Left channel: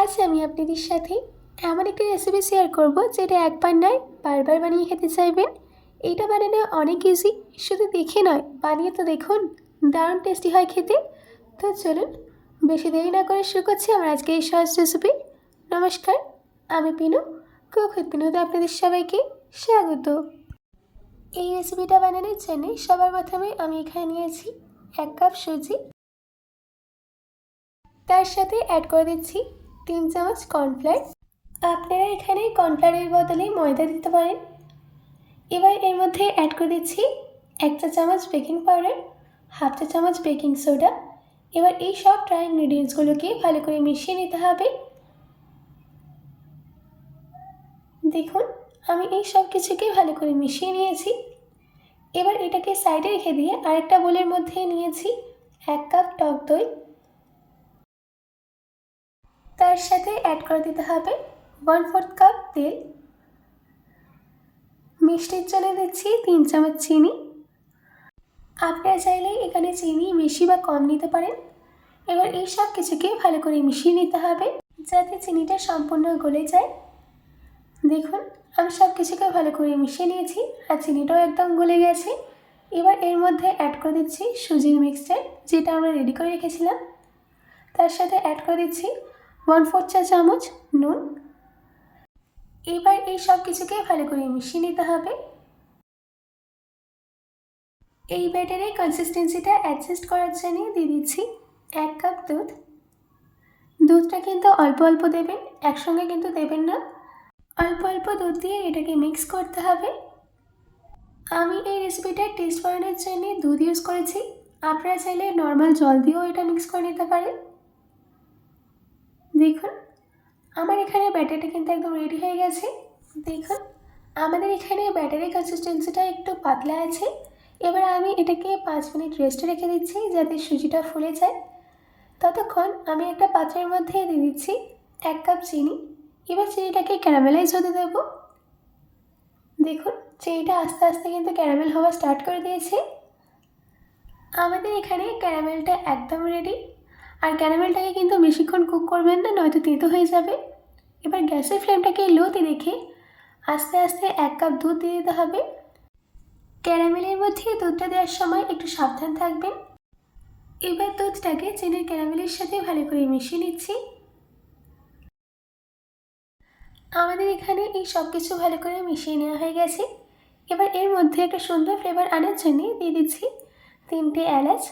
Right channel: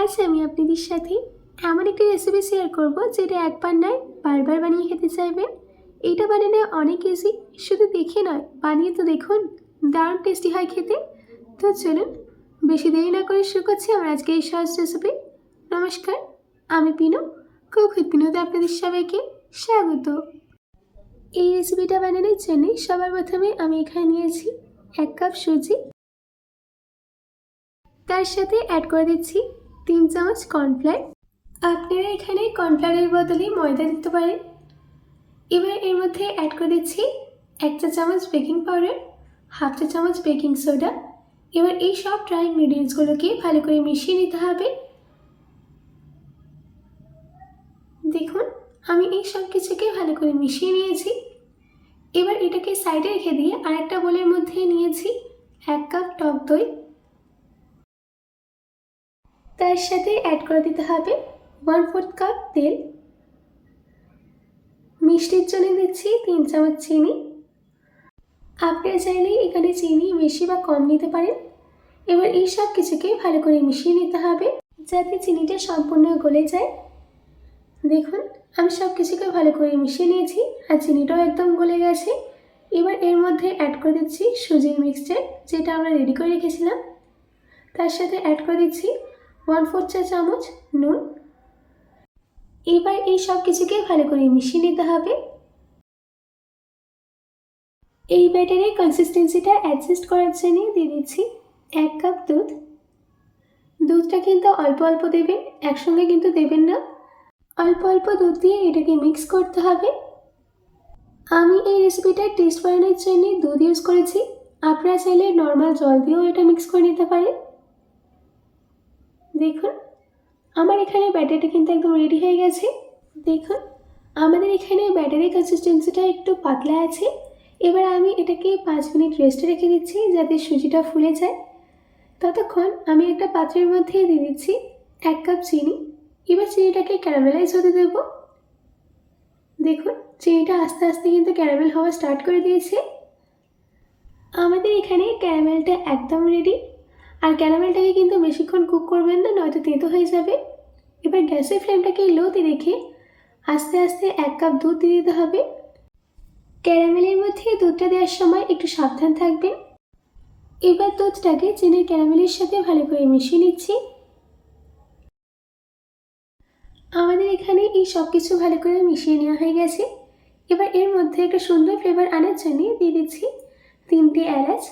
আজ আমি আপনাদের সাথে এমন একটি রেসিপি শেয়ার করব যেটা একবার নয় বারবার বানিয়ে খেতে চাইবেন। এটা বানানো অনেক ইজি, শুধু দেখে নয় বানিয়ে তো দেখুন, দারুণ টেস্টি হয় খেতে। তো চলুন বেশি দেরি না করে শুরু করছি আমার আজকে এই সহজ রেসিপি। নমস্কার, আমি পিনু, কুক উইথ পিনুতে আপনাদের সবাইকে স্বাগত। এই রেসিপিটা বানানোর জন্য সবার প্রথমে আমি এখানে নিয়েছি 1 কাপ সুজি, তার সাথে অ্যাড করে দিচ্ছি 3 চামচ কর্নফ্লাওয়ার। আপনারা এখানে কর্নফ্লাওয়ারের বদলে ময়দা দিতে পারেন। এবার এর মধ্যে অ্যাড করে দিচ্ছি 1 চা চামচ বেকিং পাউডার, 1/2 চা চামচ বেকিং সোডা। এবার এই সব ড্রাই ইনগ্রিডিয়েন্টসগুলোকে ভালো করে মিশিয়ে নিতে হবে। দেখুন আমি এই সব কিছুকে ভালো করে মিশিয়ে নিয়েছি। এবার এটাকে সাইডে রেখে দিয়ে আরেকটা বোলের মধ্যে নিয়েছি 1 কাপ টক দই, তার সাথে অ্যাড করে দিতে হবে 1/4 কাপ তেল। মিষ্টির জন্য দিচ্ছি 3 চামচ চিনি। আপনারা চাইলে এখানে চিনি বেশি বা কম নিতে পারেন। এবার এই সব কিছুকে ভালো করে মিশিয়ে নিতে হবে যাতে চিনিটা সম্পূর্ণ গলে যায়। দেখুন আমি সব কিছুকে ভালো করে মিশিয়ে নিয়েছি আর চিনিটাও একদম গলে গেছে। এবার এর মধ্যে অ্যাড করে দিচ্ছি সুজির মিক্সচার, যেটা আমরা রেডি করে রেখেছিলাম। তার সাথে অ্যাড করে দিচ্ছি 1/4 চা চামচ নুন। এবার এই সব কিছুকে ভালো করে মিশিয়ে নিতে হবে। এই ব্যাটারের কনসিস্টেন্সিটা অ্যাডজাস্ট করার জন্য দিয়ে দিচ্ছি 1 কাপ দুধ। দুধটা কিন্তু অল্প অল্প দেবেন, একসঙ্গে কিন্তু দেবেন না। অল্প অল্প দুধ দিয়ে এটাকে মিক্স করতে হবে। আমি এই রেসিপিটার টেস্ট বানানোর জন্য দুধ ইউজ করেছি, আপনারা চাইলে নর্মাল জল দিয়েও এটা মিক্স করে নিতে পারেন। দেখুন আমার এখানে ব্যাটারটা কিন্তু একদম রেডি হয়ে গেছে। দেখুন আমাদের এখানে ব্যাটারের কনসিস্টেন্সিটা একটু পাতলা আছে। এবার আমি এটাকে 5 মিনিট রেস্টে রেখে দিচ্ছি যাতে সুজিটা ফুলে যায়। ততক্ষণ আমি একটা পাত্রের মধ্যে দিয়ে দিচ্ছি 1 কাপ চিনি। এবার চিনিটাকে ক্যারামেলাইজ হতে দেব। দেখুন চিনিটা আস্তে আস্তে কিন্তু ক্যারামেল হওয়া স্টার্ট করে দিয়েছে। আমাদের এখানে ক্যারামেলটা একদম রেডি। আর ক্যারামেলটাকে কিন্তু বেশিক্ষণ কুক করবেন না, নয়তো তেতো হয়ে যাবে। এবার গ্যাসের ফ্লেমটাকে লোতে রেখে আস্তে আস্তে 1 কাপ দুধ দিয়ে দিতে হবে। ক্যারামেলের মধ্যে দুধটা দেওয়ার সময় একটু সাবধান থাকবেন। এবার দুধটাকে চিনির ক্যারামেলের সাথে ভালো করে মিশিয়ে নিচ্ছি। আমাদের এখানে এই সব কিছু ভালো করে মিশিয়ে নেওয়া হয়ে গেছে। এবার এর মধ্যে একটা সুন্দর ফ্লেভার আনার জন্য দিয়ে দিচ্ছি 3টে এলাচ।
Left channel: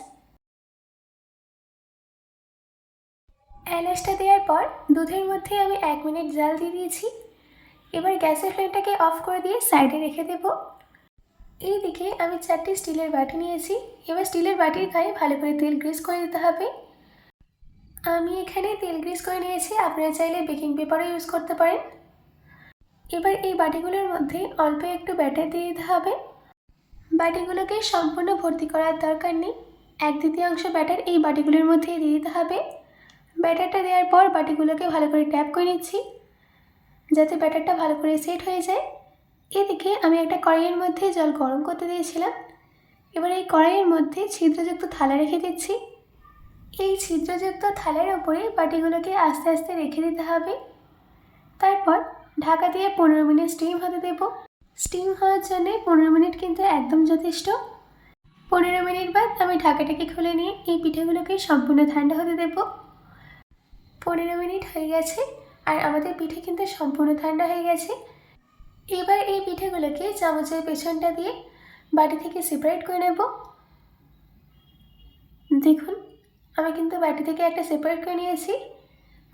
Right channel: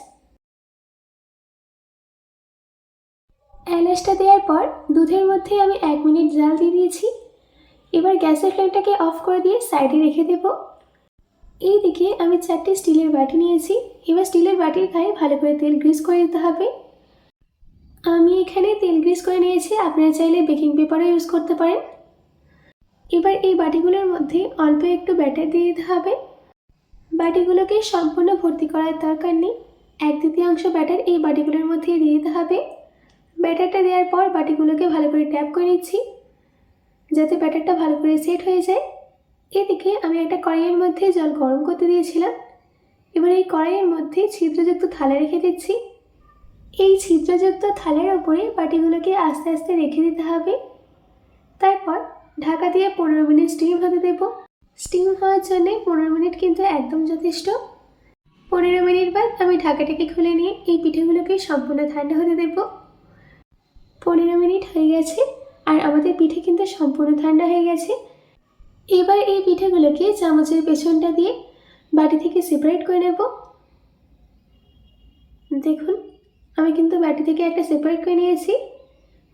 এলাচটা দেওয়ার পর দুধের মধ্যে আমি 1 মিনিট জাল দিয়ে দিয়েছি। এবার গ্যাসের ফ্লেমটাকে অফ করে দিয়ে সাইডে রেখে দেব। এইদিকে আমি 4টে স্টিলের বাটি নিয়েছি। এবার স্টিলের বাটির গায়ে ভালো করে তেল গ্রিস করে দিতে হবে। আমি এখানে তেল গ্রিস করে নিয়েছি, আপনারা চাইলে বেকিং পেপারও ইউজ করতে পারেন। এবার এই বাটিগুলোর মধ্যে অল্প একটু ব্যাটার দিয়ে দিতে হবে। বাটিগুলোকে সম্পূর্ণ ভর্তি করার দরকার নেই, 1/3 ব্যাটার এই বাটিগুলোর মধ্যে দিয়ে দিতে হবে। ব্যাটারটা দেওয়ার পর বাটিগুলোকে ভালো করে ট্যাপ করে নিচ্ছি যাতে ব্যাটারটা ভালো করে সেট হয়ে যায়। এদিকে আমি একটা কড়াইয়ের মধ্যে জল গরম করতে দিয়েছিলাম। এবার এই কড়াইয়ের মধ্যে ছিদ্রযুক্ত থালা রেখে দিচ্ছি। এই ছিদ্রযুক্ত থালার ওপরে বাটিগুলোকে আস্তে আস্তে রেখে দিতে হবে। তারপর ঢাকা দিয়ে 15 মিনিট স্টিম হতে দেব। স্টিম হওয়ার জন্য 15 মিনিট কিন্তু একদম যথেষ্ট। 15 মিনিট বাদ আমি ঢাকাটাকে খুলে নিয়ে এই পিঠেগুলোকে সম্পূর্ণ ঠান্ডা হতে দেব। 15 মিনিট হয়ে গেছে আর আমাদের পিঠে কিন্তু সম্পূর্ণ ঠান্ডা হয়ে গেছে। এবার এই পিঠেগুলোকে চামচের পেছনটা দিয়ে বাটি থেকে সেপারেট করে নেব। দেখুন আমি কিন্তু বাটি থেকে একটা সেপারেট করে নিয়েছি।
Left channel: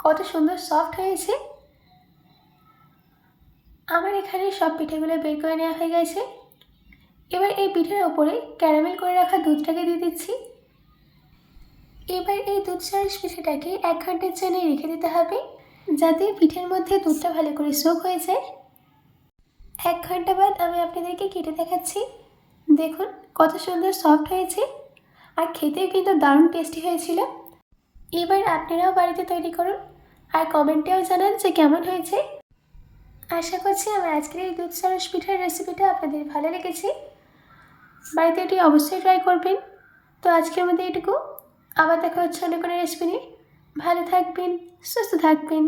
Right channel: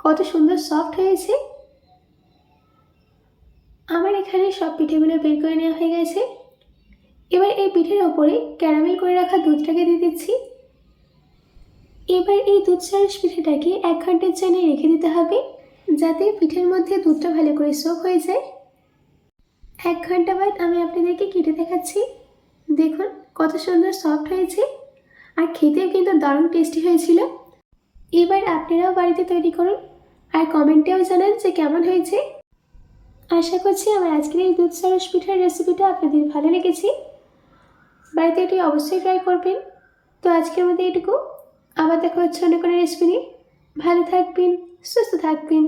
কত সুন্দর সফট হয়েছে। আমার এখানে সব পিঠেগুলো বের করে নেওয়া হয়ে গেছে। এবার এই পিঠের ওপরে ক্যারামেল করে রাখা দুধটাকে দিয়ে দিচ্ছি। এবার এই দুধ সরস পিঠেটাকে 1 ঘন্টার জন্য রেখে দিতে হবে যাতে পিঠের মধ্যে দুধটা ভালো করে সোক হয়ে যায়। 1 ঘন্টা বাদ আমি আপনাদেরকে কেটে দেখাচ্ছি। দেখুন কত সুন্দর সফট হয়েছে আর খেতেও কিন্তু দারুণ টেস্টি হয়েছিল। এবার আপনারাও বাড়িতে তৈরি করুন আর কমেন্টেও জানান যে কেমন হয়েছে। আশা করছি আমার আজকের এই দুধ সরস পিঠার রেসিপিটা আপনাদের ভালো লেগেছে। বাড়িতে এটি অবশ্যই ট্রাই করবেন। তো আজকের মধ্যে এটুকু, আবার দেখা হচ্ছে অন্য কোনো রেসিপি নিয়ে। ভালো থাকবেন, সুস্থ থাকবেন।